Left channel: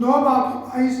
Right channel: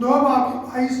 2:22